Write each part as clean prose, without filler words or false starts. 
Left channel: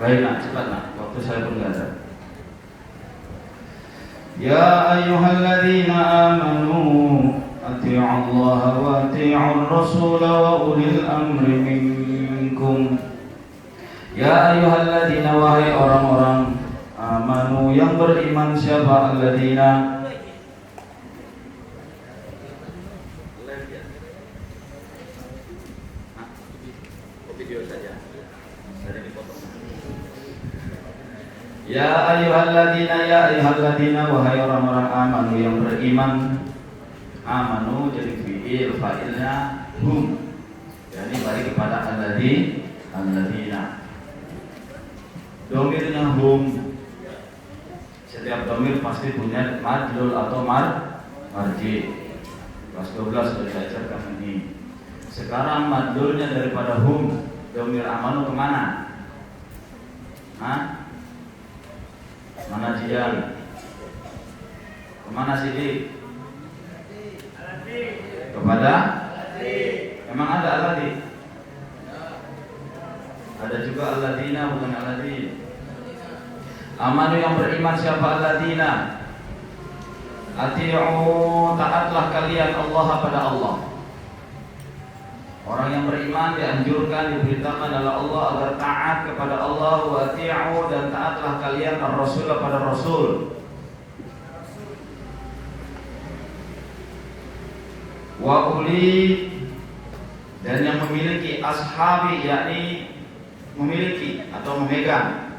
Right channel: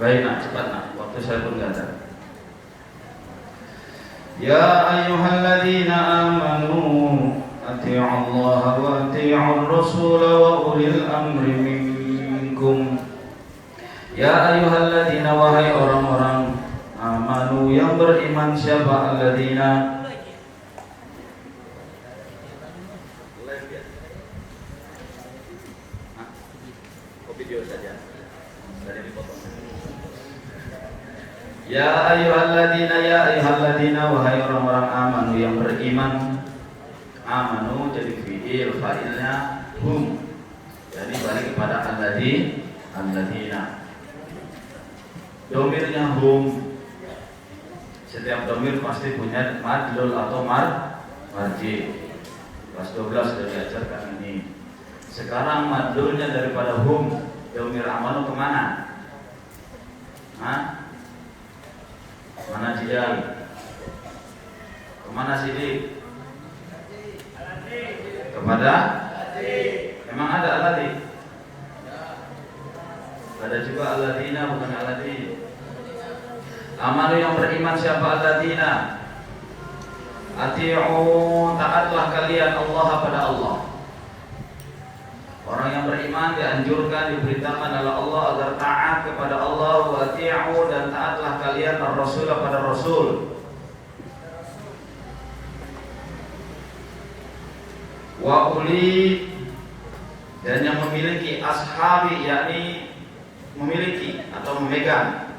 Baik nak, cepat nak, waktu saya pun nggak ada. Ya ayyuhalladzina amanu ati'u Allah wa ati'ur Rasul wa ulil amri minkum. Ya ayyuhalladzina, wahai orang-orang amanu yang beriman. Siapa alladzina? Video saja, dari dipotong. Ya ayyuhalladzina, wahai orang-orang amanu yang beriman. Amanu jadi fi'il, fa'ilnya hum, jadi balik kepada alladzina. Domirnya hum. Setiap domir pasti punya madlul atau marji. Kelas 12 sudah diajarkan ini. Sekarang madlulnya daripada hum, domir amanu kemana? Mana Jidal? Kemana Sidi? Kepada? Emang ada alladzi? Ada juga alladzina, bukan alladzi. Amanu yang beriman. Siapa alladzina? Ati'u, taatlah kalian Allah pada Allah. Orang yang beriman dianjurkan, diberitakan oleh Allah agar taat kepada Allah. Wa ati'u, dan taatlah kalian ar-rasul pada Rasul. Wa uli, dan yang memiliki, ashabi yakni memiliki atau memegang.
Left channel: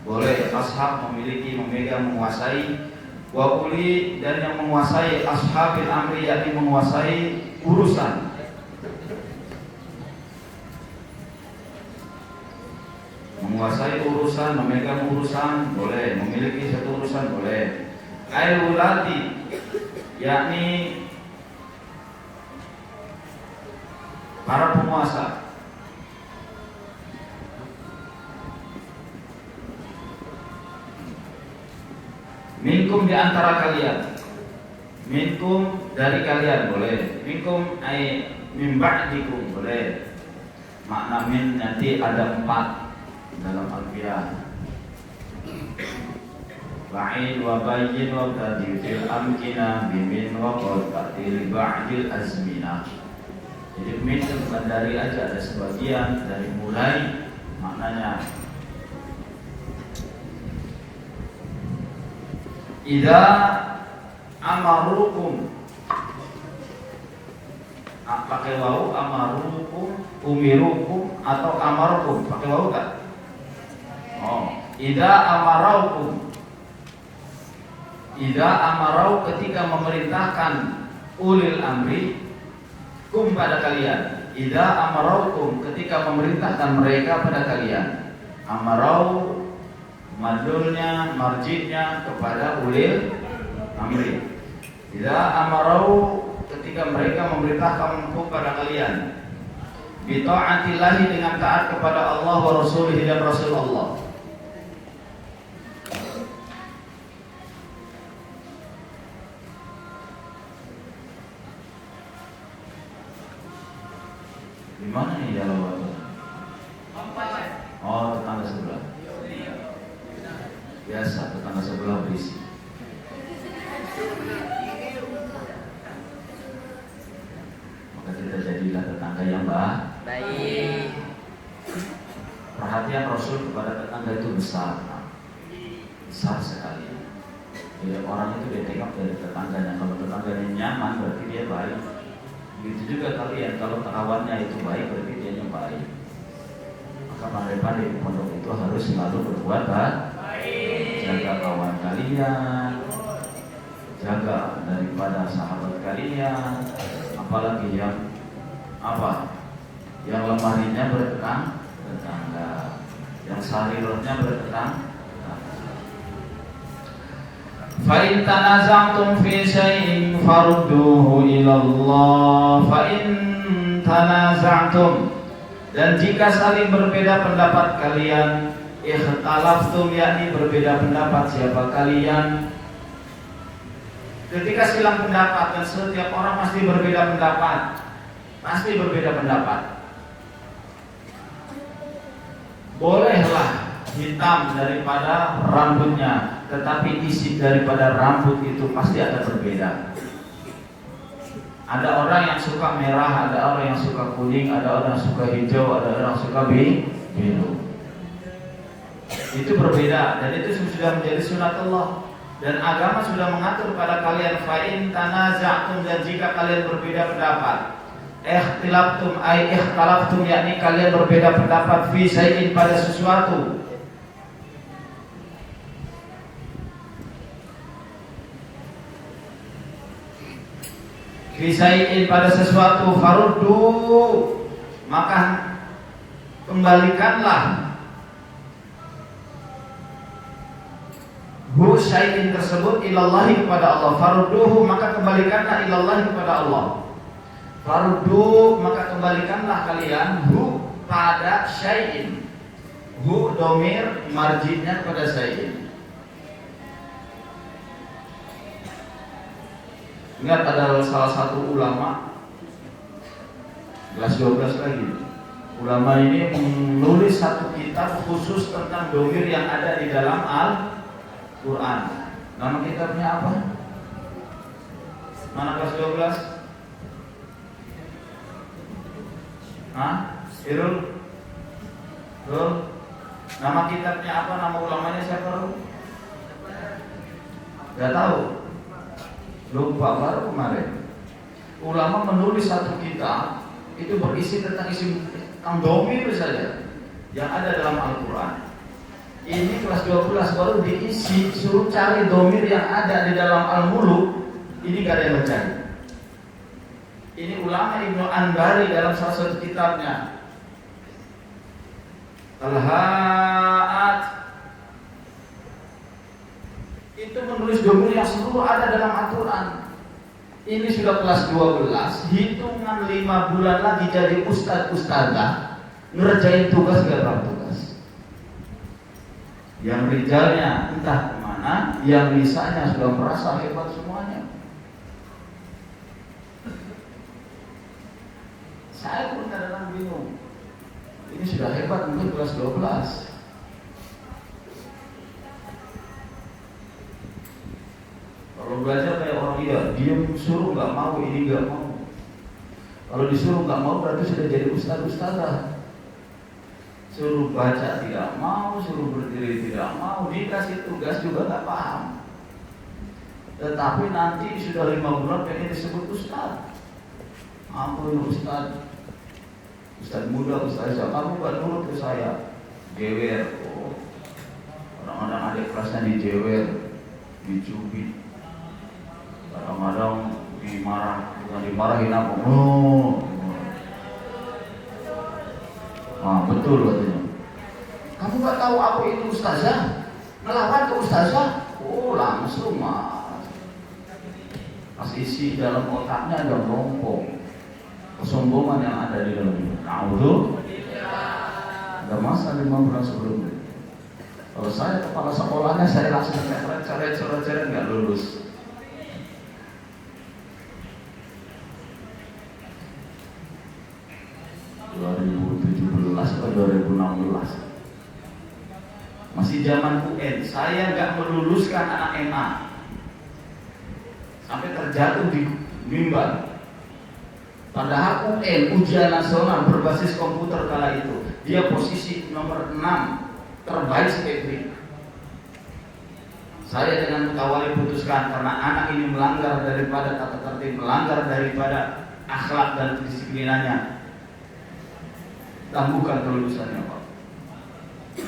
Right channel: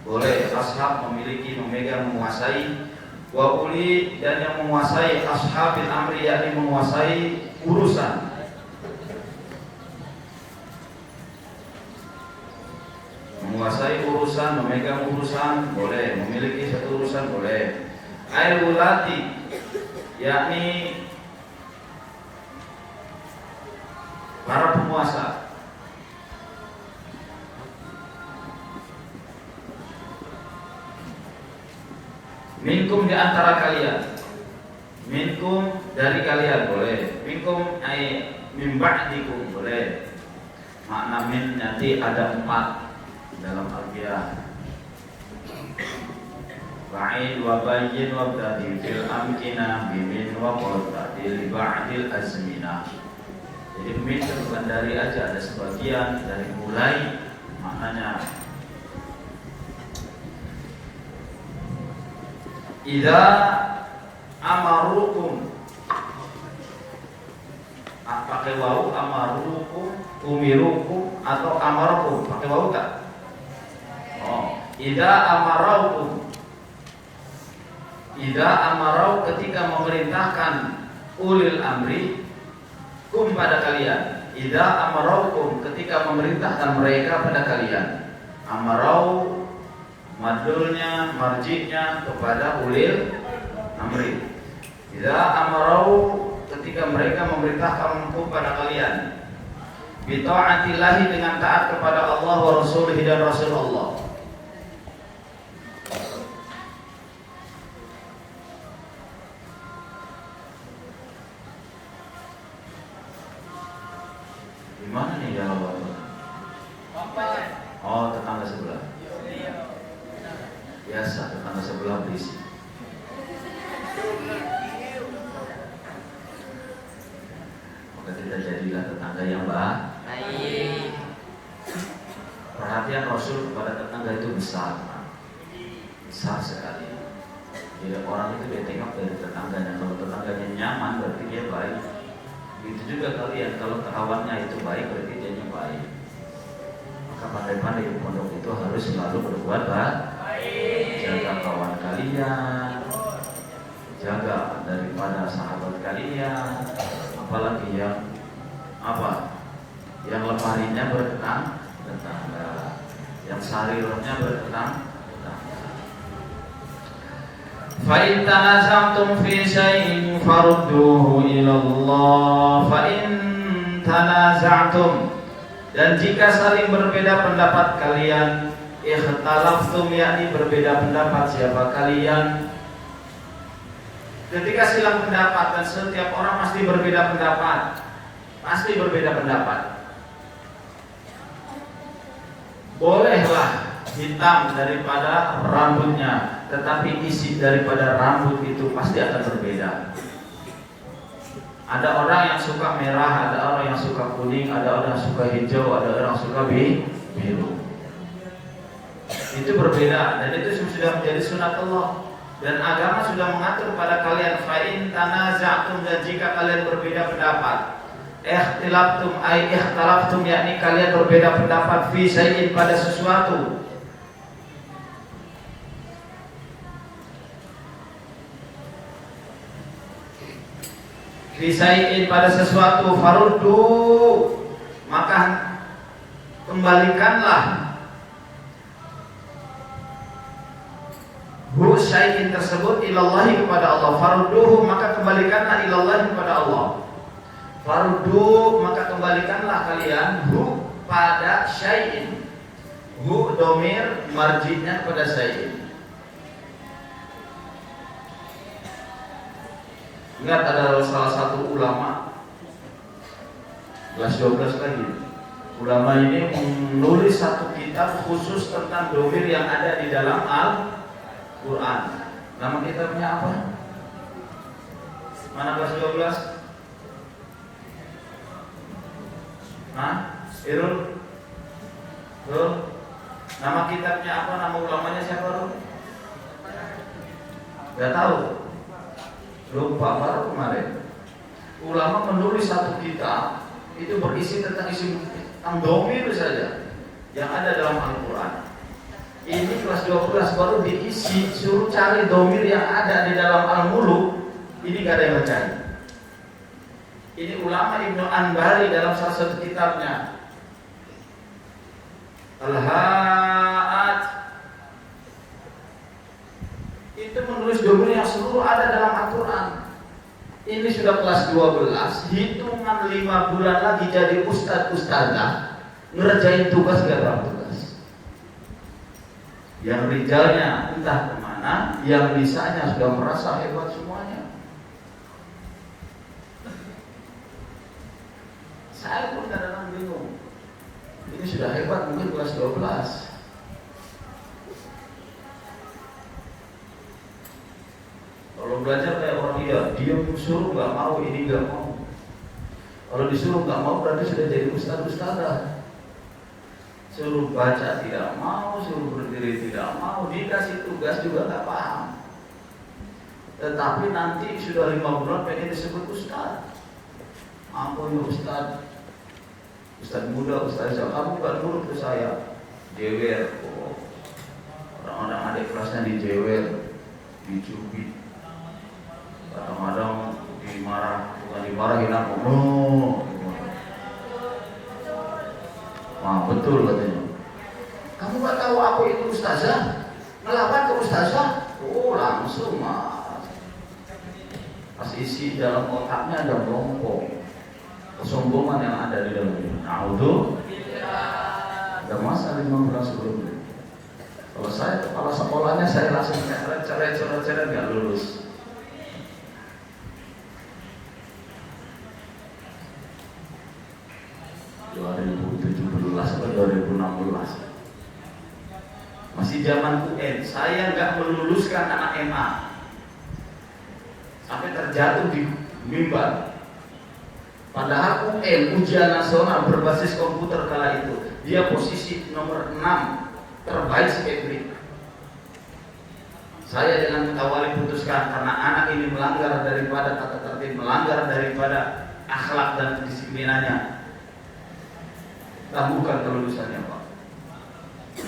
Boleh ashab memiliki, memegang, menguasai. Wa uli, dan yang menguasai, ashabil amri yakni menguasai urusan. Menguasai urusan, memegang urusan, boleh. Memiliki satu urusan, boleh. Al-wulati, yakni para penguasa. Minkum, di antara kalian. Minkum, dari kalian, boleh. Minkum ay min ba'dikum, boleh. Makna min nanti ada 4 dalam Al-Qiyah. Ba'id wa bayyin wa tadifil amkina bimin wa qadil ba'dil azmina. Jadi min bukan dari aja, ada sebagian dari mulai, maknanya idza amarukum, pakai wau, amarukum, umirukum atau amarukum, pakai wau enggak? Idza amaraukum, idza amarau, ketika memerintahkan, ulil amri kum, pada kalian. Idza amaraukum, ketika memerintahkan mereka pada kalian. Amarau madulnya, marjinya kepada ulil amri. Idza amarau, ketika mereka memerintahkan kum pada kalian. Bi ta'atillahi, dengan taat kepada Allah wa rasulihi, dan Rasul Allah. Gimana nih dalam waktu? Oh, tetangga sebelah. Biasa, tetangga sebelah berisi. Maka kita jadilah tetangga yang baik. Perhatian Rasul kepada tetangga itu besar, besar sekali. Jadi orang itu dia tengok dari tetangganya. Kalau tetangganya nyaman, berarti dia baik. Begitu juga kalian, kalau kawannya itu baik, berarti dia yang baik. Maka pandai-pandai di pondok itu harus selalu berbuat baik. Jaga kawan kalian, jaga daripada sahabat kalian, apalagi yang yang lemarinya tetangga, yang sarirnya bertetangga. Fa in tanaza'tum fi shay'in farudduhu ila Allah. Fa in tanaza'tum, dan jika saling berbeda pendapat kalian, ikhtalaftum, yakni berbeda pendapat siapa kalian. Ketika silang pendapat, dan setiap orang pasti berbeda pendapat, bolehlah hitam daripada rambutnya, tetapi isi daripada rambut itu pasti akan berbeda. Ada orang yang suka merah, ada orang yang suka kuning, ada orang yang suka hijau, ada orang yang suka biru. Itu berbeda dan itu sudah menjadi sunatullah. Dan agama sudah mengatur pada kalian, fa'in tanaza'tum, dan jika kalian berbeda pendapat, ikhtalaftum, yakni kalian berbeda pendapat fi syai'in, pada sesuatu, fi syai'in, pada sesuatu, faruddu, maka kembalikanlah hu syai'in tersebut ilallahi, kepada Allah. Farudduhu, maka kembalikanlah ilallahi, kepada Allah. Faruddu, maka kembalikanlah kalian hu pada syai'in. Hu domir marjinya pada syai'in. Ingat ada salah satu ulama, kelas 12 lagi. Ulama ini menulis satu kitab khusus tentang domir yang ada di dalam Al-Quran. Nama kitabnya apa? Mana kelas 12? Hah? Irul? Irul? Nama kitabnya apa? Nama ulamanya siapa? Gak tahu. Lupa, baru kemarin. Ulama menulis satu kitab, itu berisi tentang domir saja yang ada dalam Al-Quran. Ini kelas 12 baru diisi, suruh cari domir yang ada di dalam Al-Muluk. Ini gak ada yang mencari. Ini ulama Ibnu Anbari dalam salah satu kitabnya Al-Ha'at, itu menulis domir yang seluruh ada dalam Al-Quran. Ini sudah kelas 12, hitungan 5 bulan lagi jadi ustadz-ustadzah, ngerjain tugas gak dalam tugas. Yang rijalnya entah kemana, yang lisanya sudah merasa hebat semuanya. Saya pun kadang-kadang bingung. Ini sudah hebat mungkin kelas 12. Kalau belajar kayak orang diam suruh nggak mau, ini nggak mau. Kalau disuruh nggak mau berarti sudah jadi ustadz-ustadzah. Suruh baca tidak mau, suruh berdiri tidak mau, dikasih tugas juga nggak paham. Tetapi nanti sudah 5 bulan pengen disebut ustadz. Ampun ustadz, ustadz muda, ustadz kamu nggak nurut ke saya, jewer. Oh, orang-orang adik kelasnya dijewer, dicubit. Kadang-kadang dimarah, bukan dimarahin apa? Oh, nah betul katanya. Kamu nggak tahu apa itu ustazah? Melawan ke ustazah? Oh langsung mas. Pas isi dalam otaknya ada melompong kesombongan yang ada di dalam itu. Nah itu ada masa 5 bulan sebelumnya. Kalau saya kepala sekolahnya saya langsung coret-coret nggak lulus. 2017 atau 2016 masih zaman UN, saya nggak meluluskan anak MA sampai terjatuh di mimbar. Padahal UN, ujian nasional berbasis komputer kala itu, dia posisi nomor 6 terbaik sekali. Saya dengan kawali putuskan karena anak ini melanggar daripada tata tertib, melanggar daripada akhlak dan kedisiplinannya, tangguhkan kelulusannya Pak.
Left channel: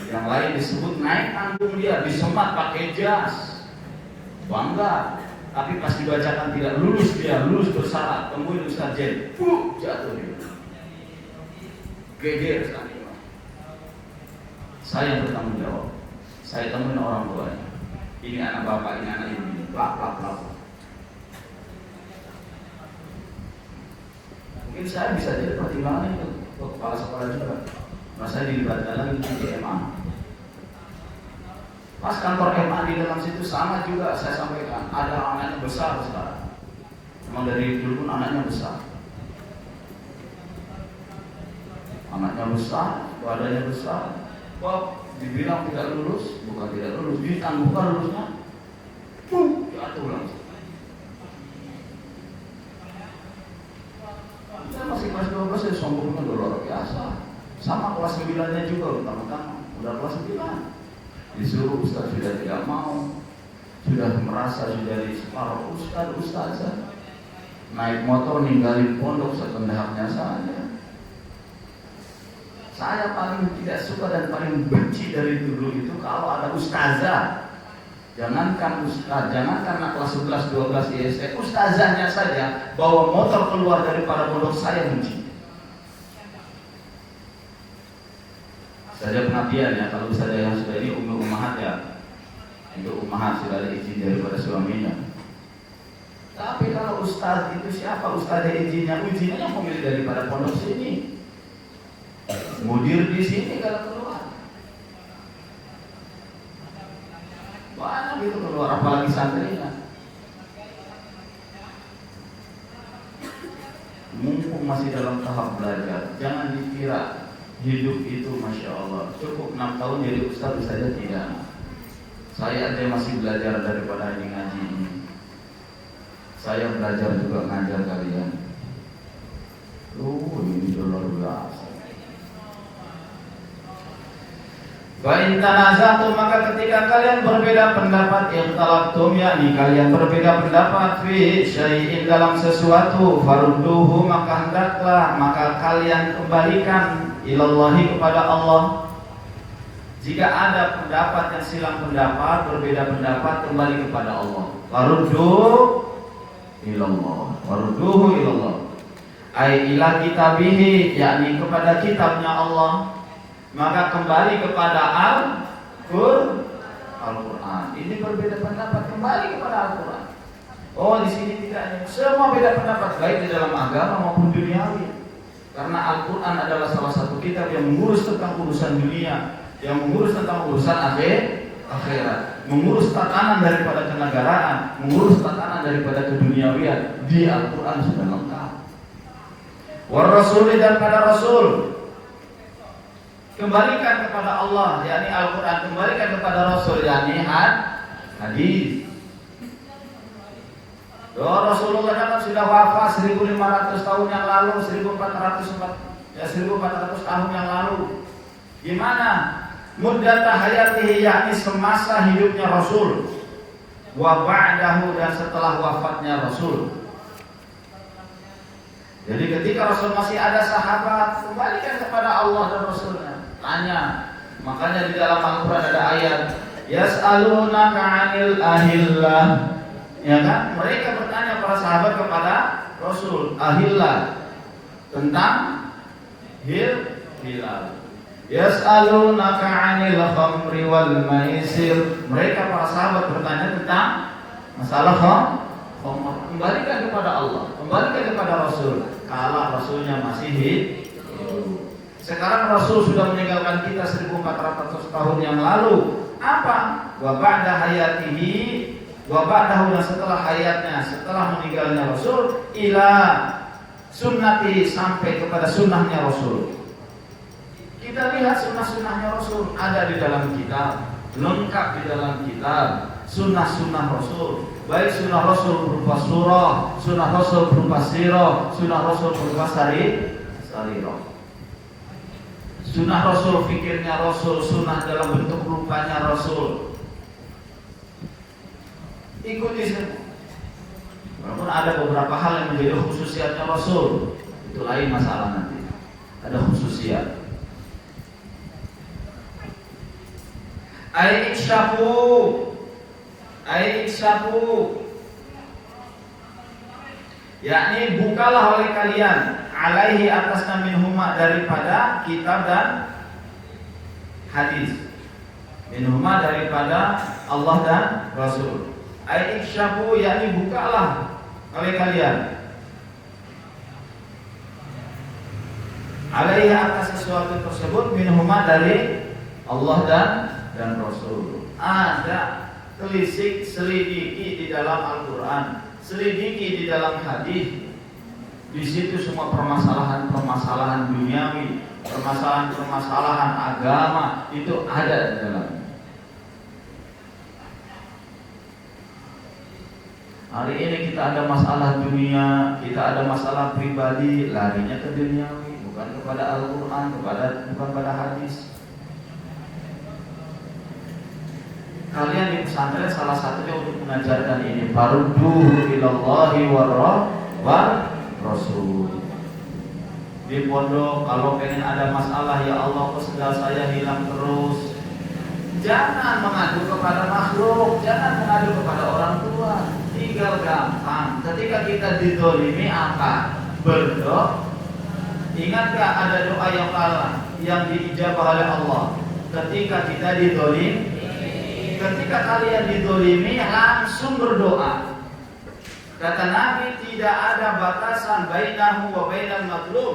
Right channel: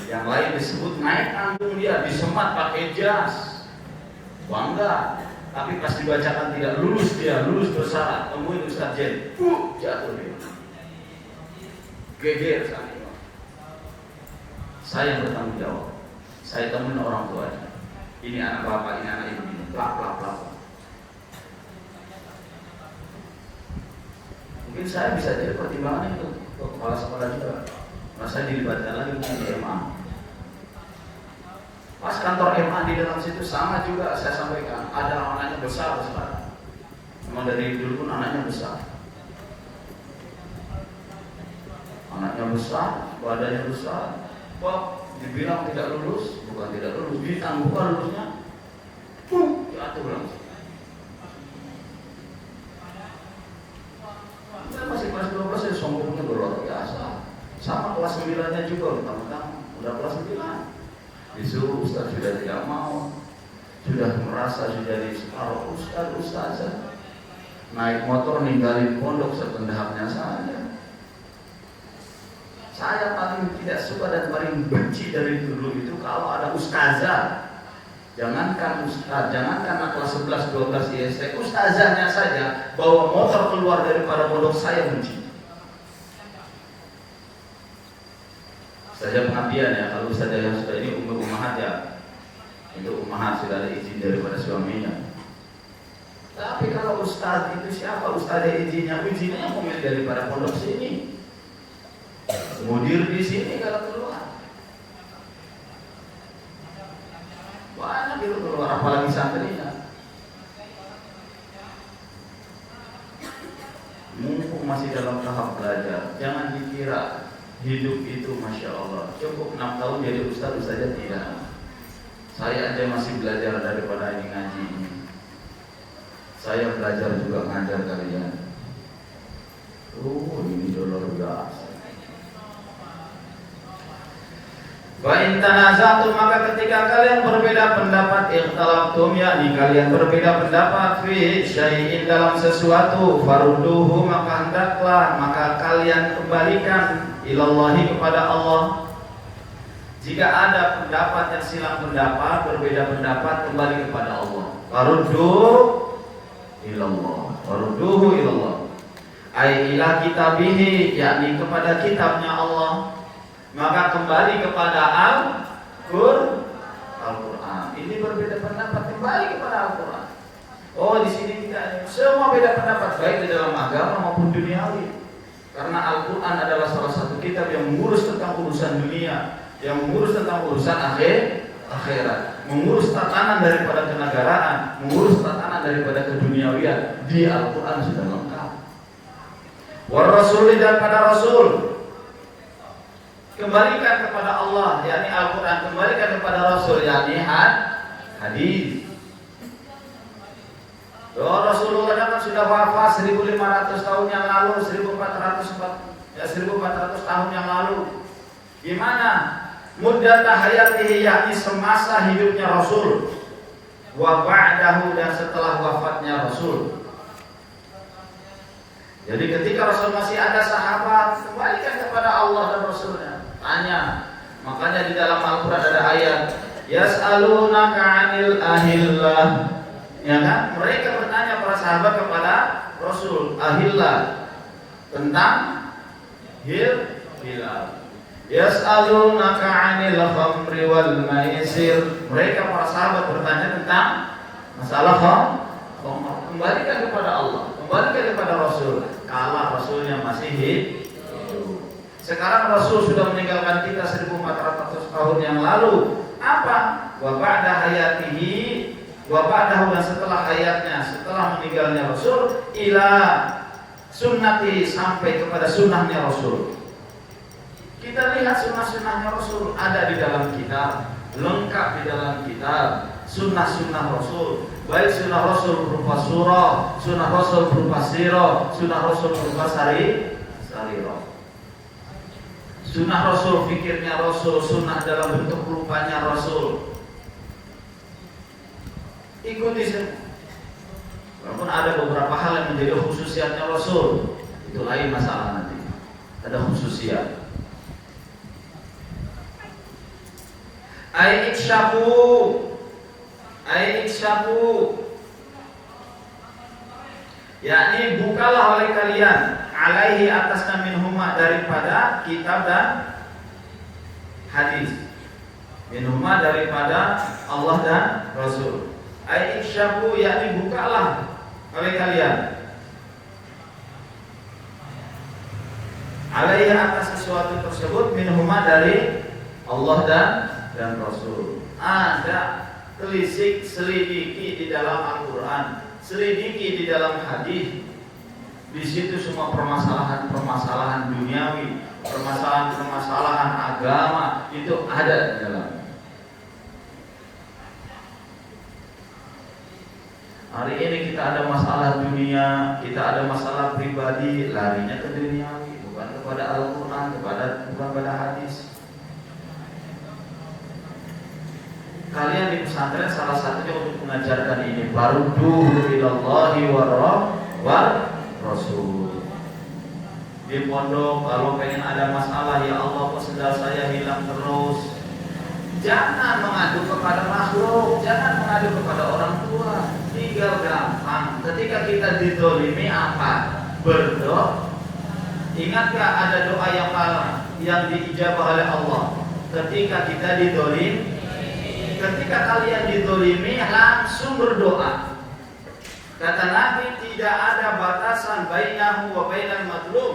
Yang lain disebut naik anggung dia, disemat pakai jas, bangga. Tapi pas dibacakan tidak lulus, dia lulus bersyarat, temuin Ustaz Jen, jatuh dia, geger sana. Saya yang bertanggung jawab. Saya temuin orang tuanya. Ini anak bapak, ini anak ibu ini, plak. Mungkin saya bisa jadi pertimbangan itu kepala sekolah juga. Masa dilibatkan lagi di MA. Pas kantor MA di dalam situ sama juga saya sampaikan, ada anaknya besar sekarang. Memang dari dulu pun anaknya besar. Anaknya besar, badannya besar. Bob dibilang tidak lulus, bukan tidak lulus, ditangguhkan lulusnya, jatuh langsung. Kita masih kelas 12 saya sombongnya luar biasa. Sama kelas 9-nya juga, mentang-mentang udah kelas 9. Disuruh ustaz sudah tidak mau, sudah merasa sudah di separuh ustazah. Naik motor ninggalin pondok sekendahnya saja. Saya paling tidak suka dan paling benci dari dulu itu kalau ada ustazah. Jangankan ustaz, jangankan anak kelas 11, 12 IST, ustazahnya saja bawa motor keluar daripada pondok saya benci. Saja pengabdian ya, kalau ustazah yang sudah ini untuk umahat ya, untuk umahat sudah ada izin daripada suaminya. Tapi kalau ustaz itu siapa ustazah izinnya? Izinnya yang memilih daripada pondok sini. Mudir di sini kalau keluar. Banyak itu keluar, apalagi santrinya. Mumpung masih dalam tahap belajar, jangan dikira hidup itu Masya Allah cukup 6 tahun jadi ustaz saja, tidak. Saya aja masih belajar daripada ini ngaji ini. Saya belajar juga ngajar kalian. Ini luar biasa. Wa in tanaza'tum, maka ketika kalian berbeda pendapat, ikhtalaftum, yakni kalian berbeda pendapat fi syai'in, dalam sesuatu, farudduhu, maka hendaklah maka kalian kembalikan ilallahi, kepada Allah. Jika ada pendapat yang silang pendapat, berbeda pendapat, kembali kepada Allah. Farudduhu ilallah, farudduhu ilallah, ai ila kitabihi, yakni kepada kitabnya Allah. Maka kembali kepada Al-Quran. Ini berbeda pendapat, kembali kepada Al-Quran. Oh, di sini tidak, semua beda pendapat, baik di dalam agama maupun duniawi. Karena Al-Quran adalah salah satu kitab yang mengurus tentang urusan dunia, yang mengurus tentang urusan akhirat, mengurus tatanan daripada kenegaraan, mengurus tatanan daripada keduniawian. Di Al-Quran sudah lengkap. War Rasul, dan pada Rasul. Kembalikan kepada Allah, yakni Al-Quran, kembalikan kepada Rasul, yakni hadis. Doa Rasulullah kan sudah wafat 1500 tahun yang lalu, 1400 tahun yang lalu. Gimana? Muddata hayatihi, yakni semasa hidupnya Rasul, wa ba'dahu, dan setelah wafatnya Rasul. Jadi ketika Rasul masih ada sahabat, kembalikan kepada Allah dan Rasulnya. Tanya, makanya di dalam Al-Quran ada ayat yas'alunaka 'anil ahillah, ya kan? Mereka bertanya para sahabat kepada Rasul, ahillah, tentang hilal. Yas'alunaka 'anil khamri wal maisir, mereka para sahabat bertanya tentang masalah khamr. Kembalikan kepada Allah, kembalikan kepada Rasul. Kala Rasulnya masih hidup. Sekarang Rasul sudah meninggalkan kita 1400 tahun yang lalu. Apa? Wa ba'da hayatihi, wa ba'dahu, dan setelah hayatnya, setelah meninggalnya Rasul, ila sunnati, sampai kepada sunnahnya Rasul. Kita lihat sunnah-sunnahnya Rasul ada di dalam kitab, lengkap di dalam kitab. Sunnah-sunnah Rasul, baik sunnah Rasul berupa surah, sunnah Rasul berupa sirah, sunnah Rasul berupa sarirah. Sunnah Rasul, fikirnya Rasul, sunnah dalam bentuk rupanya Rasul. Ikuti semua. Walaupun ada beberapa hal yang menjadi khususiatnya Rasul, itu lain masalah nanti. Ada khususiat. Aikshafu, yakni bukalah oleh kalian, alaihi, atasnya, minhuma, daripada kitab dan hadis, minhuma, daripada Allah dan Rasul. Aikshafu, yakni bukalah oleh kalian, alaihi, atas sesuatu tersebut, minhuma, dari Allah dan Rasul. Ada telisik, selidiki di dalam Al-Quran, selidiki di dalam hadis. Di situ semua permasalahan duniawi, permasalahan agama itu ada di dalamnya. Hari ini kita ada masalah dunia, kita ada masalah pribadi, larinya ke duniawi, bukan kepada Al-Quran, bukan kepada hadis. Kalian di pesantren salah satunya untuk mengajarkan ini, farudduhu ilallahi war rasul. Di pondok kalau pengen ada masalah, ya Allah kok sendal saya hilang terus, jangan mengadu kepada makhluk, jangan mengadu kepada orang tua. Tinggal gampang, ketika kita dizalimi apa? Berdoa. Ingatkah ada doa yang diijabah oleh Allah ketika kita dizalimi? Ketika kalian dizalimi langsung berdoa. Kata Nabi, tidak ada batasan bainahu wa bainal mazlum,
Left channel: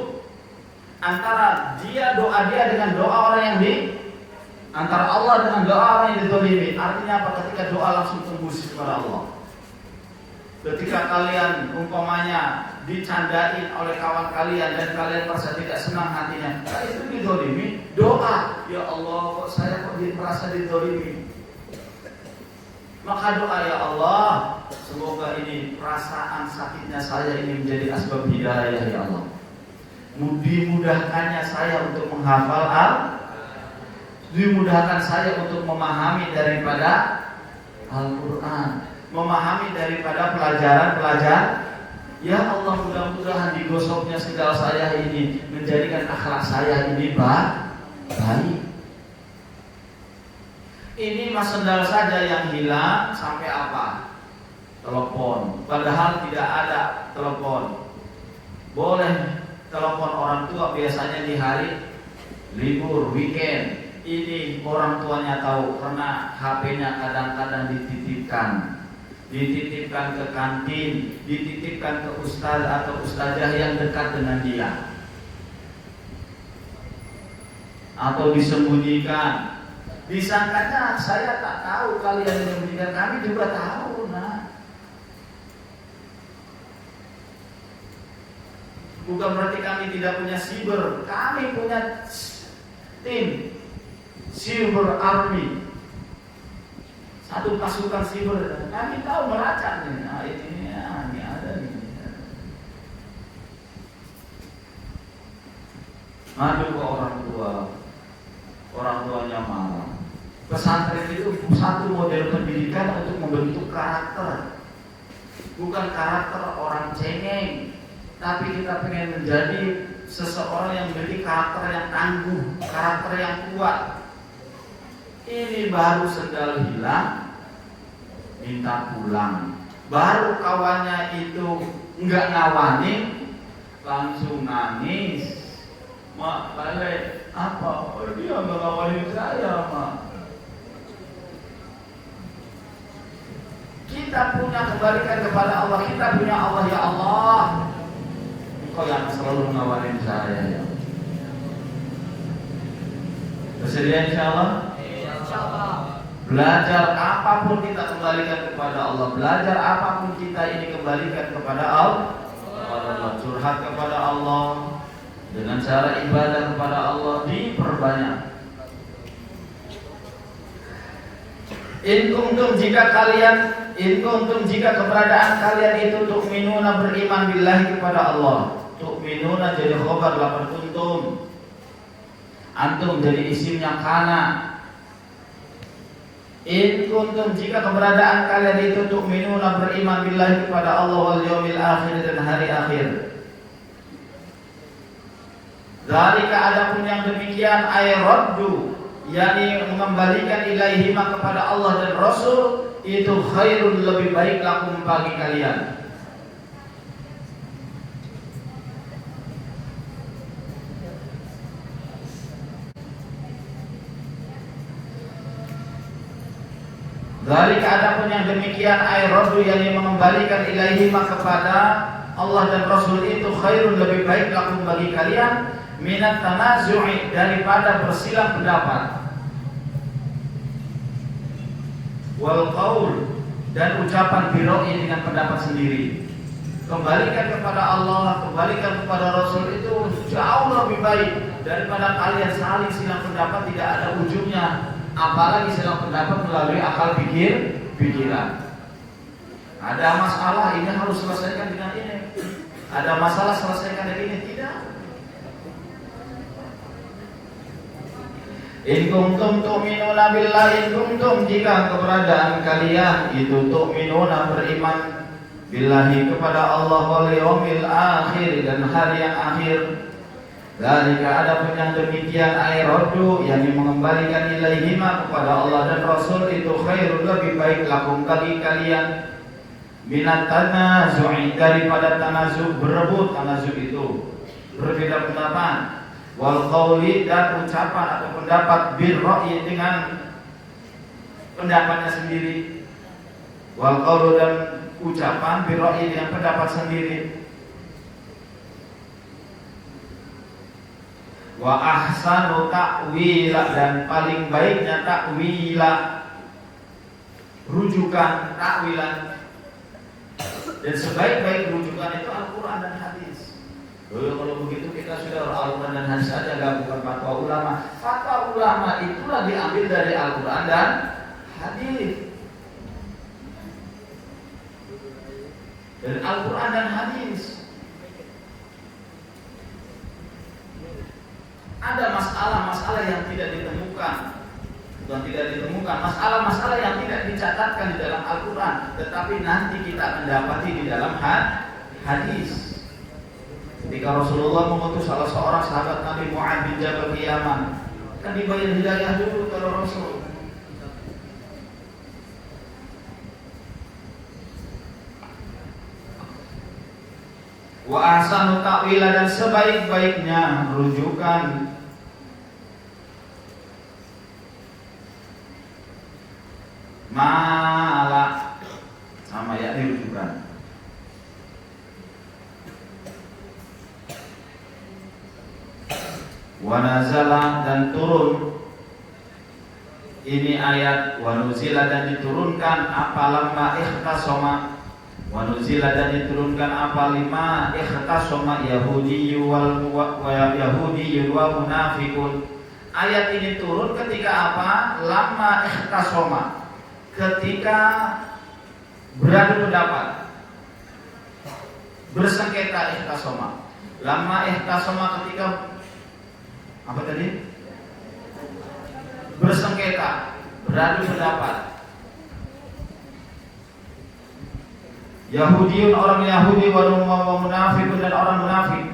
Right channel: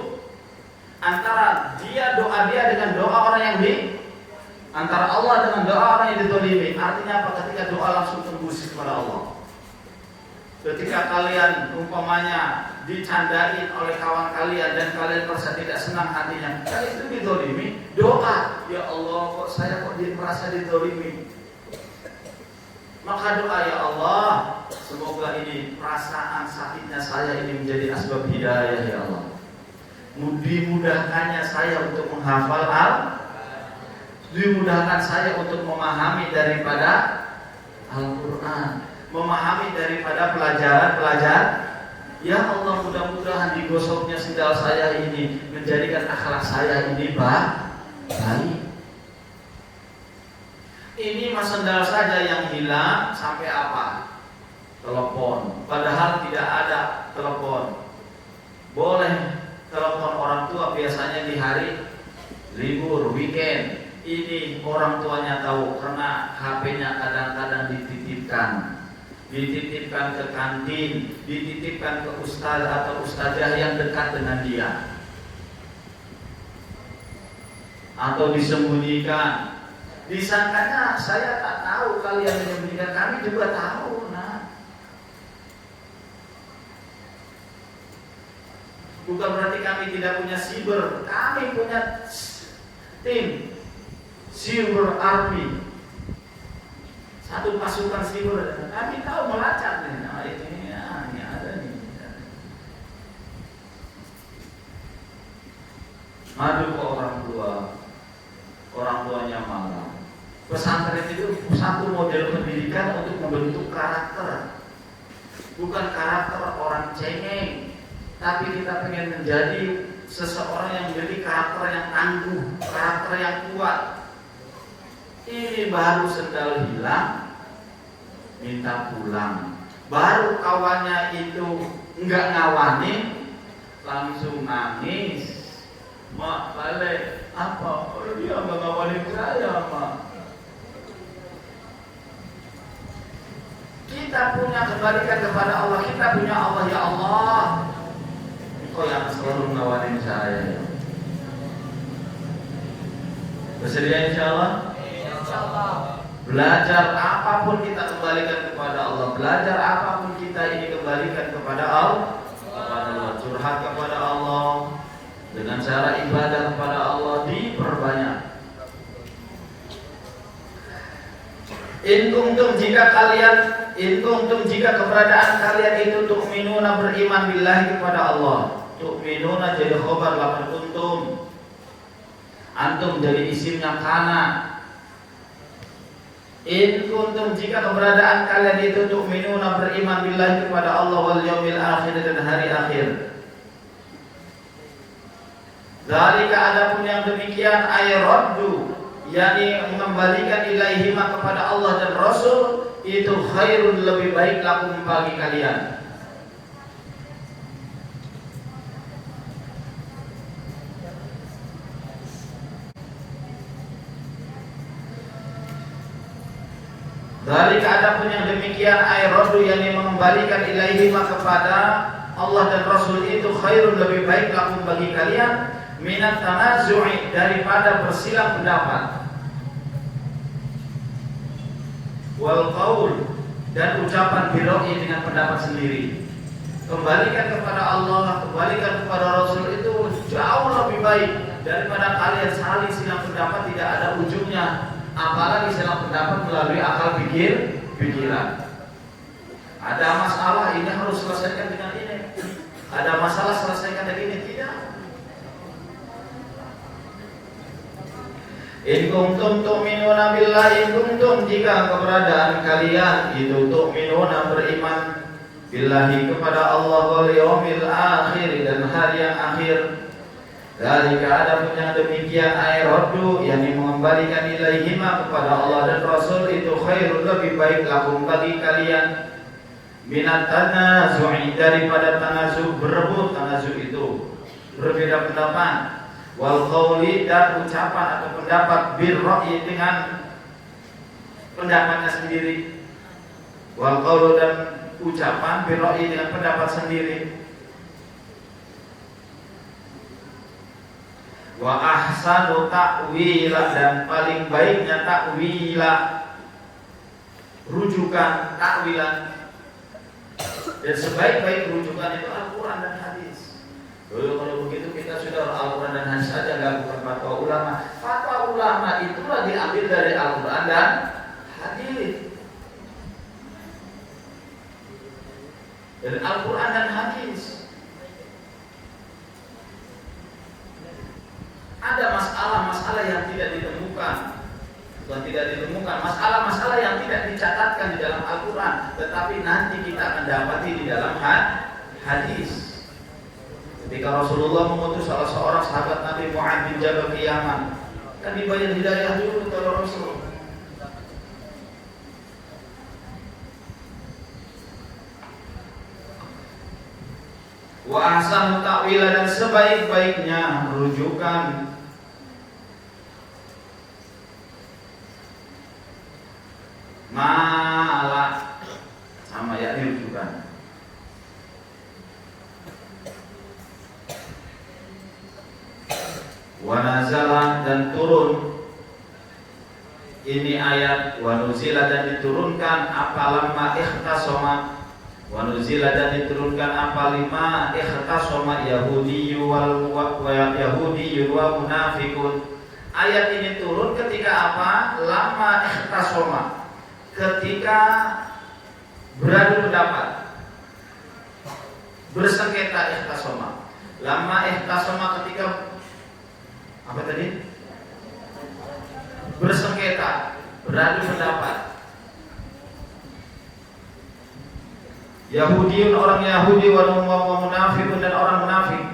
antara doa dia dengan doa orang yang antara Allah dengan doa orang yang dizalimi. Artinya apa? Ketika doa langsung tembus kepada Allah. Ketika kalian umpamanya dicandain oleh kawan kalian dan kalian merasa tidak senang hatinya, kalian itu dizalimi, doa, ya Allah kok saya merasa dizalimi. Maka doa, ya Allah, semoga ini perasaan sakitnya saya ini menjadi asbab hidayah, ya Allah. Dimudahkannya saya untuk menghafal dimudahkan saya untuk memahami daripada Al-Quran, memahami daripada pelajaran. Ya Allah, mudah-mudahan digosoknya sendal saya ini menjadikan akhlak saya ini baik. Ini mas sendal saja yang hilang, sampai apa? Telepon. Padahal tidak ada telepon. Boleh telepon orang tua biasanya di hari libur, weekend. Ini orang tuanya tahu karena HP-nya kadang-kadang dititipkan ke kantin, dititipkan ke ustaz atau ustazah yang dekat dengan dia, atau disembunyikan. Disangkanya saya tak tahu, kalian yang menyembunyikan, kami juga tahu. Nah, bukan berarti kami tidak punya siber, kami punya tim cyber army, satu pasukan siber. Kami tahu melacak nih, nah ini ada nih. Madu ke orang tuanya marah. Pesantren itu satu model pendidikan untuk membentuk karakter, bukan karakter orang cengeng, tapi kita pengen menjadi seseorang yang memiliki karakter yang tangguh, karakter yang kuat. Ini baru sendal hilang, minta pulang. Baru kawannya itu enggak ngawanin, langsung nangis. Mak, balik apa? Oh, dia enggak ngawanin saya, Mak. Kita punya kebalikan kepada Allah. Kita punya Allah, ya Allah, Engkau yang selalu ngawanin saya. Bersedia insyaallah? Insyaallah. Belajar apapun kita kembalikan kepada Allah. Belajar apapun kita ini kembalikan kepada Allah. Curhat kepada Allah dengan cara ibadah kepada Allah diperbanyak. In kuntum jika keberadaan kalian itu tu'minuna beriman billahi kepada Allah. Tu'minuna jadi khobar lapan kuntum. Antum jadi isimnya kana. In kuntum jika keberadaan kalian itu tu'minuna beriman billahi kepada Allah wal yaumil akhir dan hari akhir. Dzalika adapun yang demikian ay raddu, yakni mengembalikan ilaihima kepada Allah dan Rasul, itu khairun lebih baik lakum bagi kalian. Dzalika adapun yang demikian ay raddu, yakni mengembalikan ilaihima kepada Allah dan Rasul, itu khairun lebih baik lakum bagi kalian minat tanazu'i, daripada bersilang pendapat, wal qaul, dan ucapan biroi dengan pendapat sendiri. Kembalikan kepada Allah, kembalikan kepada Rasul itu jauh lebih baik daripada kalian saling silang pendapat tidak ada ujungnya, apalagi silang pendapat melalui akal pikiran. Ada masalah ini harus selesaikan dengan ini, ada masalah selesaikan dengan ini, tidak. In kuntum tu'minuna billahi, in kuntum jika keberadaan kalian itu tu'minuna beriman billahi kepada Allah wal yaumil akhir dan hari yang akhir. Dzalika adapun yang demikian ayrodu yang mengembalikan ilaihima kepada Allah dan Rasul itu khairul lebih baik lakum bagi kalian minat tanazu'i daripada tanazu berebut. Tanazu itu berbeda pendapat. Wal qawli dan ucapan atau pendapat bil ra'yi dengan pendapatnya sendiri. Wal qawlu dan ucapan bil ra'yi dengan pendapat sendiri. Wa ahsanu ta'wila dan paling baiknya ta'wila rujukan ta'wilan, dan sebaik-baik rujukan itu Al-Quran dan hadis. Kalau begitu kita sudah Al-Quran dan hadis saja, bukan fatwa ulama. Fatwa ulama itulah diambil dari Al-Quran dan hadis. Dan Al-Quran dan hadis. Ada masalah-masalah yang tidak ditemukan, bukan tidak ditemukan, masalah-masalah yang tidak dicatatkan di dalam Al-Quran, tetapi nanti kita akan dapati di dalam hadis. Ketika Rasulullah mengutus salah seorang sahabat Nabi Mu'adz bin Jabal ke Yaman, kan dibayar hidayah dulu kalau Rasul. Wa ahsanu ta'wila dan sebaik-baiknya rujukan malah sama ya rujukan. Wa nazala dan turun ini ayat, wa nuzila dan diturunkan apa lamma ikhtasama, wa nuzila dan diturunkan apa lima ikhtasama Yahudi wa munafiqun. Ayat ini turun ketika apa? Lamma ikhtasama, ketika beradu pendapat, bersengketa ikhtasama. Lamma ikhtasama ketika apa tadi? Bersengketa, beradu pendapat. Yahudiun orang Yahudi wa munafiqun dan orang munafik.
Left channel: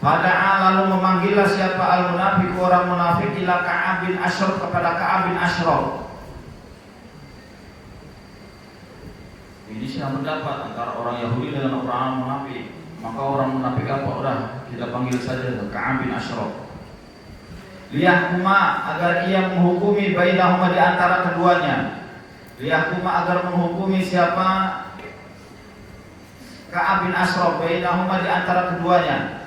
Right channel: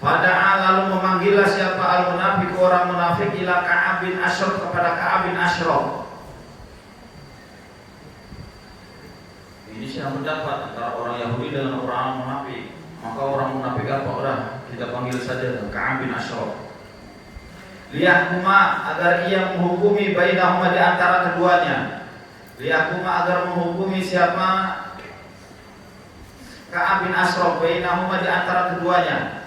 Fada'a lalu memanggillah siapa al-munafiq orang munafik ila Ka'ab bin Ashraf kepada Ka'ab bin Ashraf. Ini siapa pendapat antara orang Yahudi dengan orang munafik. Maka orang munafik apa? Udah kita panggil saja Ka'ab bin Ashraf. Liyahkuma agar ia menghukumi bainahuma di antara keduanya. Liyahkuma agar menghukumi siapa? Ka'ab bin Ashraf bainahuma di antara keduanya.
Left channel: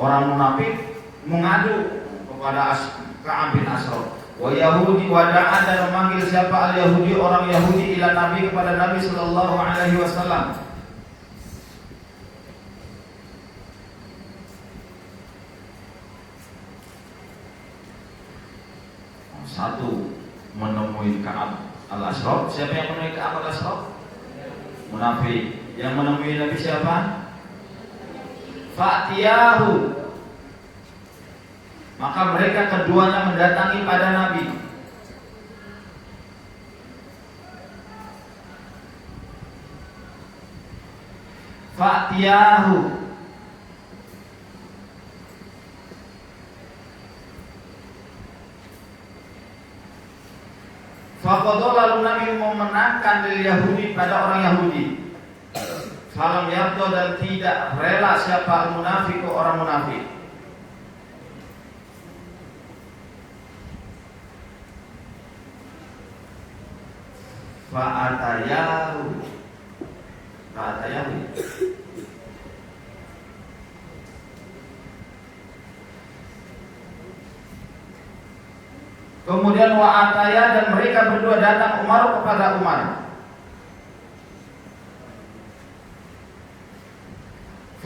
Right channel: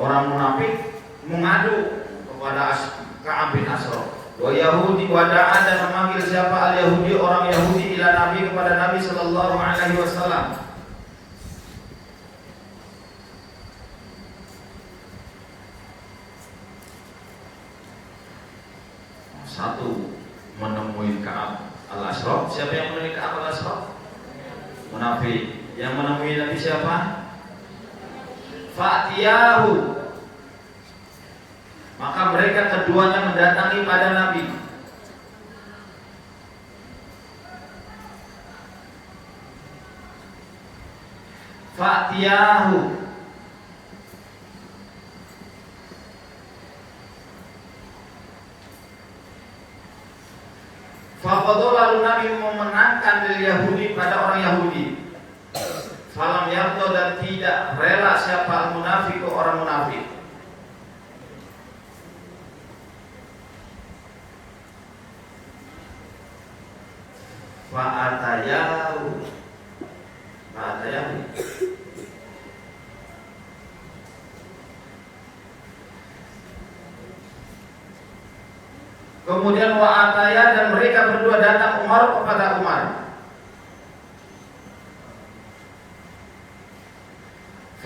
Orang munafik mengadu kepada Ka'ab bin Ashraf. Wa Yahudi wada'a dan memanggil siapa al-Yahudi orang Yahudi ila Nabi kepada Nabi sallallahu alaihi wasallam. Satu menemui Ka'ab al-Ashraf. Siapa yang menemui Ka'ab al-Ashraf? Munafik. Yang menemui Nabi siapa? Fa'tiyahu. Maka mereka keduanya mendatangi pada Nabi. Fa'tiyahu. Faqadu lalu Nabi memenangkan dari Yahudi pada orang Yahudi. Falam yardo dan tidak rela siapa al-munafiq orang munafik. Fa'atayahu. Kemudian wa'ataya dan mereka berdua datang Umar kepada Umar.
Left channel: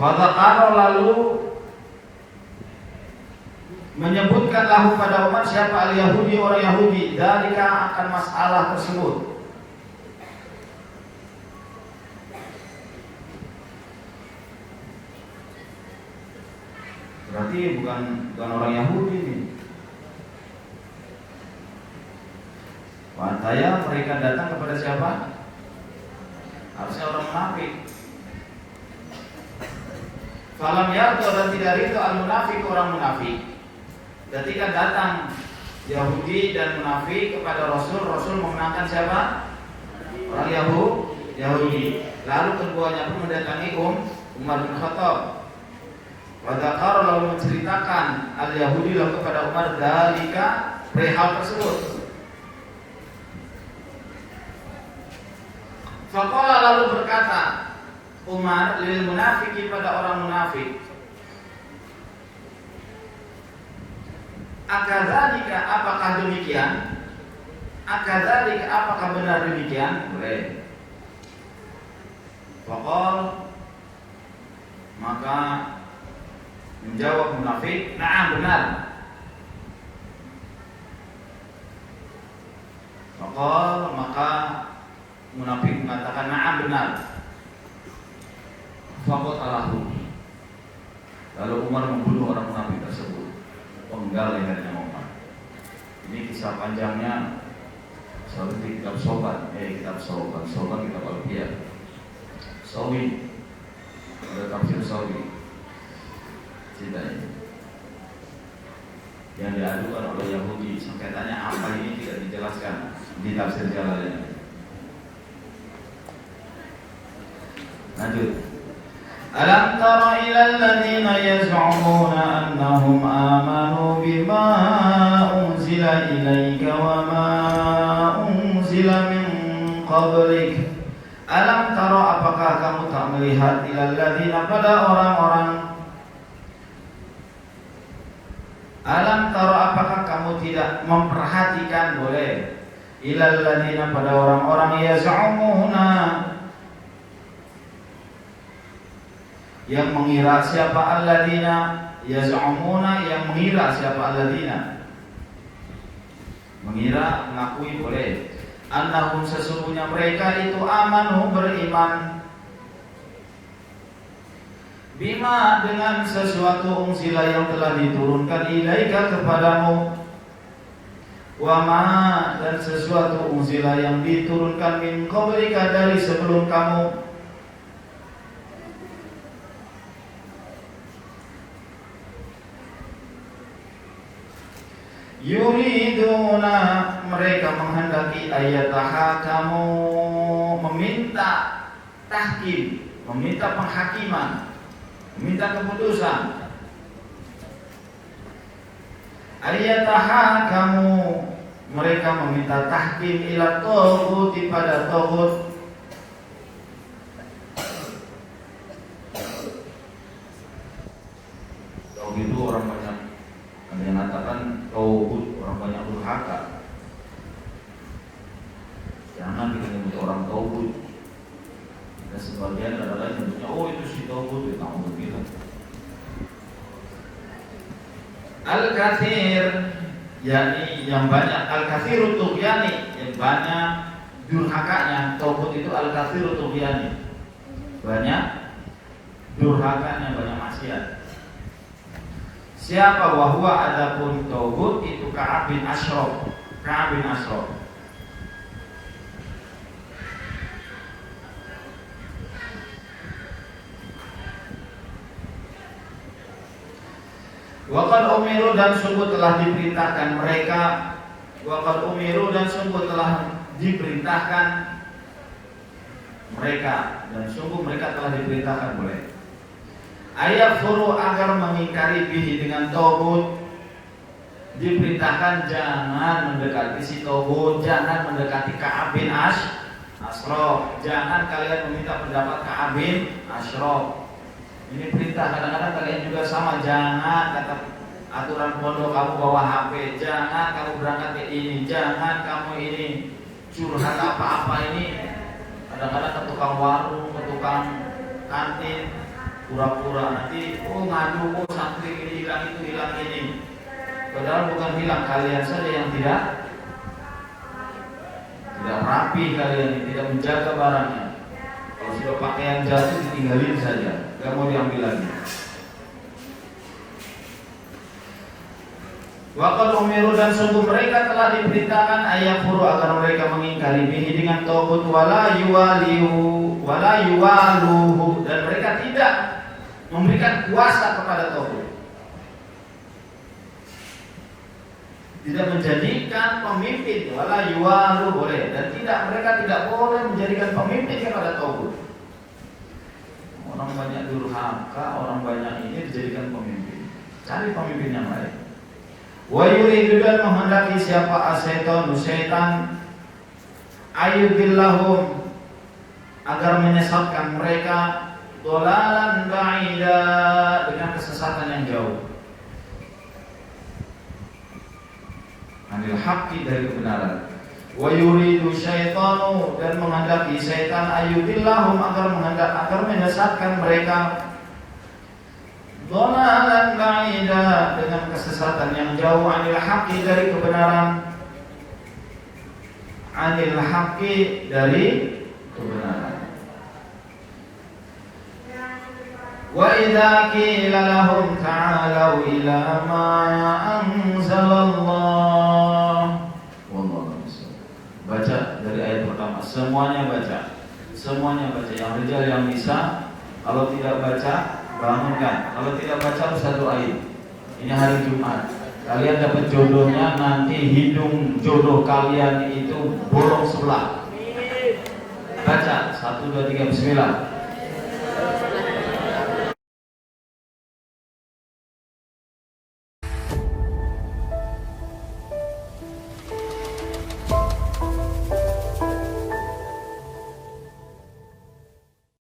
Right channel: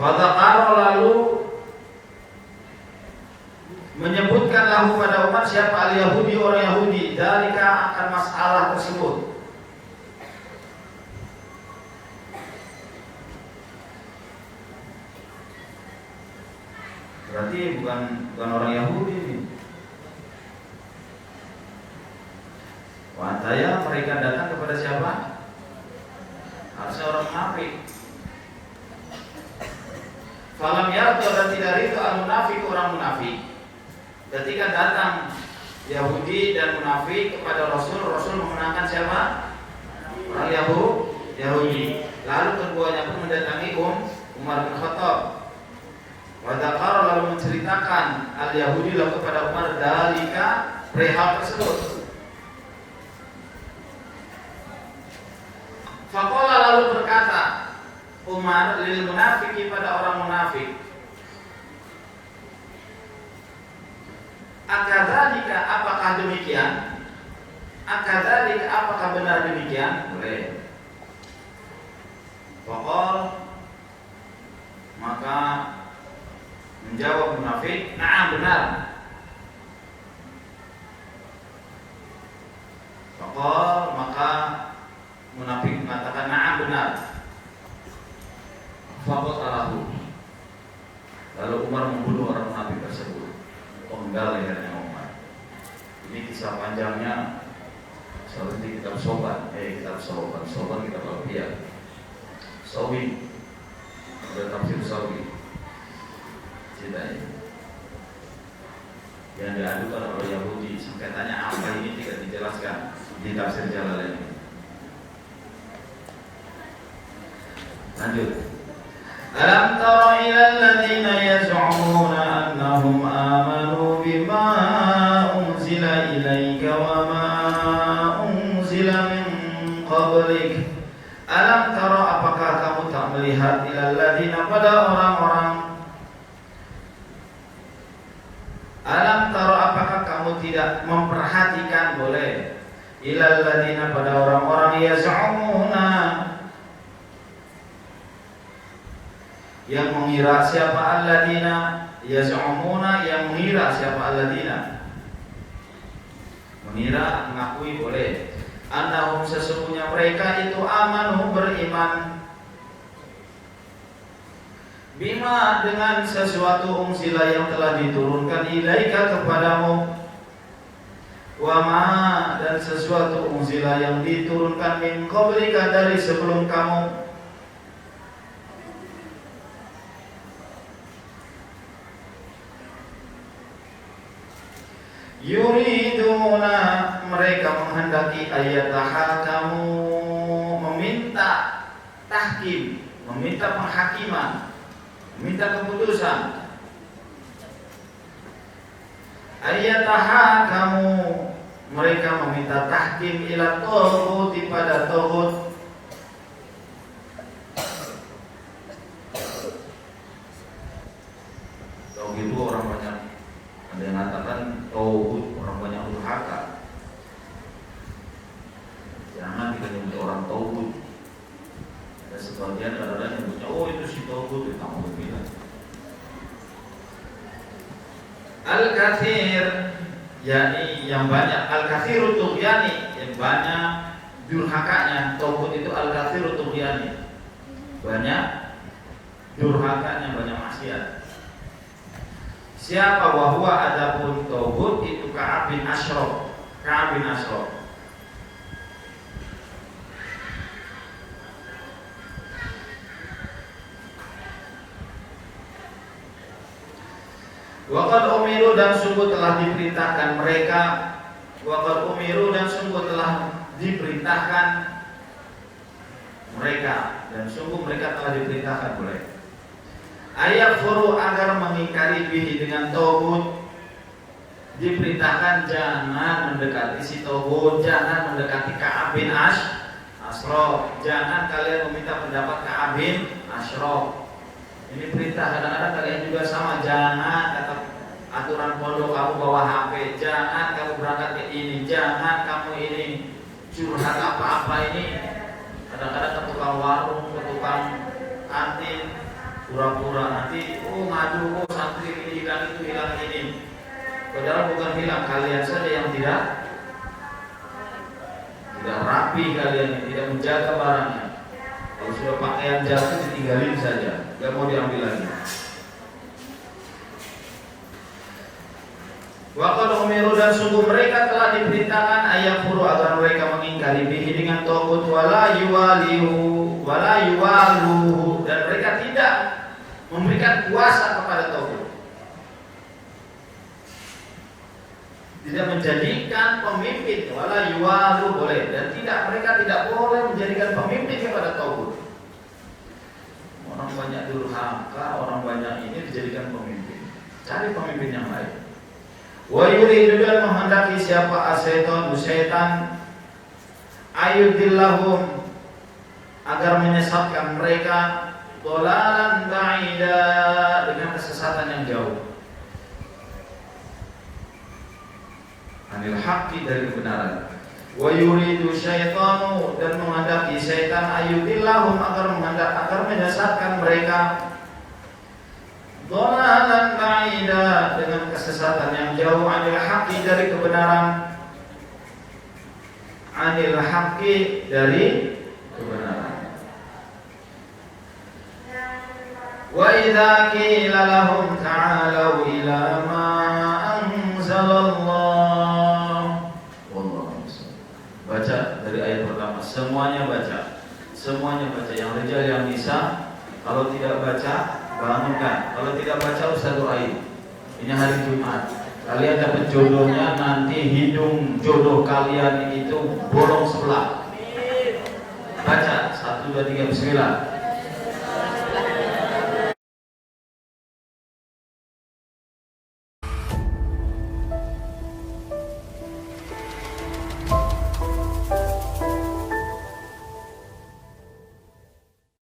Fadzakara lalu menyebutkan lahu pada Umar siapa al-Yahudi orang Yahudi dalika akan masalah tersebut. Berarti bukan orang Yahudi ini. Wadaya mereka datang kepada siapa? Harusnya orang munafik. Falam yarto dan tidak rito al-munafik orang munafik. Ketika datang Yahudi dan munafik kepada Rasul, Rasul mengenangkan siapa? Orang Yahudi. Lalu keduanya pun mendatangi Umar bin Khattab. Wadakar lalu menceritakan al-Yahudi lalu kepada Umar dalika perihal tersebut. Faqala lalu berkata Umar lil munafiki pada orang munafik, akadzalika apakah demikian? Akadzalika apakah benar demikian? Boleh. Faqal maka menjawab munafik, na'am benar. Faqal maka munafik mengatakan na'am benar. Faqatalahu. Lalu Umar membunuh orang munafik tersebut. Penggal lehernya Umar. Ini kisah panjangnya seperti kitab Soban. Kitab Soban kitab Al-Qiyah. Sawi. Ada tafsir Sawi. Ceritanya yang diadukan oleh Yahudi, singkatannya apa ini tidak dijelaskan di tafsir Jalalain. Lanjut. Alam tara ilal ladzina yaz'umuna annahum amanu bima unzila ilaika wa ma unzila min qablik. Alam tara apakah kamu tak melihat ilal ladzina pada orang-orang. Alam tara apakah kamu tidak memperhatikan boleh ilal ladzina pada orang-orang yaz'umuna yang mengira siapa alladzina yaz'umuna yang mengira siapa alladzina mengira mengakui boleh annahum sesungguhnya mereka itu amanu beriman bima dengan sesuatu unzila yang telah diturunkan ilaika kepadamu wama dan sesuatu unzila yang diturunkan min qablika dari sebelum kamu. Yuriduna mereka menghendaki ayataha kamu meminta tahkim, meminta penghakiman, meminta keputusan. Ayataha kamu mereka meminta tahkim ila taghut pada taghut. Taghut itu orang banyak ada yang mengatakan taghut orang banyak durhaka. Jangan dikatakan orang taghut. Ada sebagian orang yang bertanya, oh itu si taghut itu kamu bilang. Al-kathir yakni yang banyak, al-kathiru tughyani yang banyak durhakanya. Taghut itu al-kathiru tughyani, banyak durhakanya, banyak maksiat. Siapa wahwa adapun taghut itu Ka'ab bin Ashraf. Ka'ab bin Ashraf. Waqad umiru dan sungguh telah diperintahkan mereka. Waqad umiru dan sungguh telah diperintahkan mereka, dan sungguh mereka telah diperintahkan mereka. Ayat furu agar mengingkari bihi dengan taghut. Diperintahkan jangan mendekati si taghut, jangan mendekati Ka'ab bin Ashraf. Jangan kalian meminta pendapat Ka'ab bin Ashraf. Ini perintah. Kadang-kadang kalian juga sama. Jangan kata aturan pondok kamu bawa HP. Jangan kamu berangkat ke ini. Jangan kamu ini curhat apa-apa ini. Kadang-kadang ke tukang warung, ke tukang kantin, pura-pura nanti ngadu santri ini hilang itu hilang ini. Padahal bukan hilang, kalian saja yang tidak rapi, kalian tidak menjaga barangnya. Kalau sudah pakaian jatuh ditinggalin saja, gak mau diambil lagi. Waqad umiru, dan sungguh mereka telah diperintahkan ayakfuru agar mereka mengingkari bihi dengan tagut, wala yuwaluhu, dan mereka tidak memberikan kuasa kepada tagut, tidak menjadikan pemimpin, wala yuwalu boleh, dan mereka tidak boleh menjadikan pemimpin kepada tagut. Orang banyak durhaka, orang banyak ini dijadikan pemimpin, cari pemimpin yang lain. Wa yuridu, dan menghendaki siapa syaitan ayudillahum, agar menyesatkan mereka, dhalalan ba'ida, dengan kesesatan yang jauh, anil haqqi, dari kebenaran. Wa yuridu syaitanu, dan menghendaki syaitan ayudillahum, agar menyesatkan mereka, dhalalan ba'ida, dengan kesesatan yang jauh, anil haqqi, dari kebenaran, anil haqqi, dari kebenaran. Wa idza qila lahum ta'alu ila ma anzalallah, wallahu a'lam. Baca dari ayat pertama, semuanya baca. Yang rijal yang bisa, kalau tidak baca bangunkan, kalau tidak baca usah doain. Ini hari Jumat, kalian dapat jodohnya, nanti hidung jodoh kalian itu bolong sebelah. Baca 1, 2, 3 bismillah.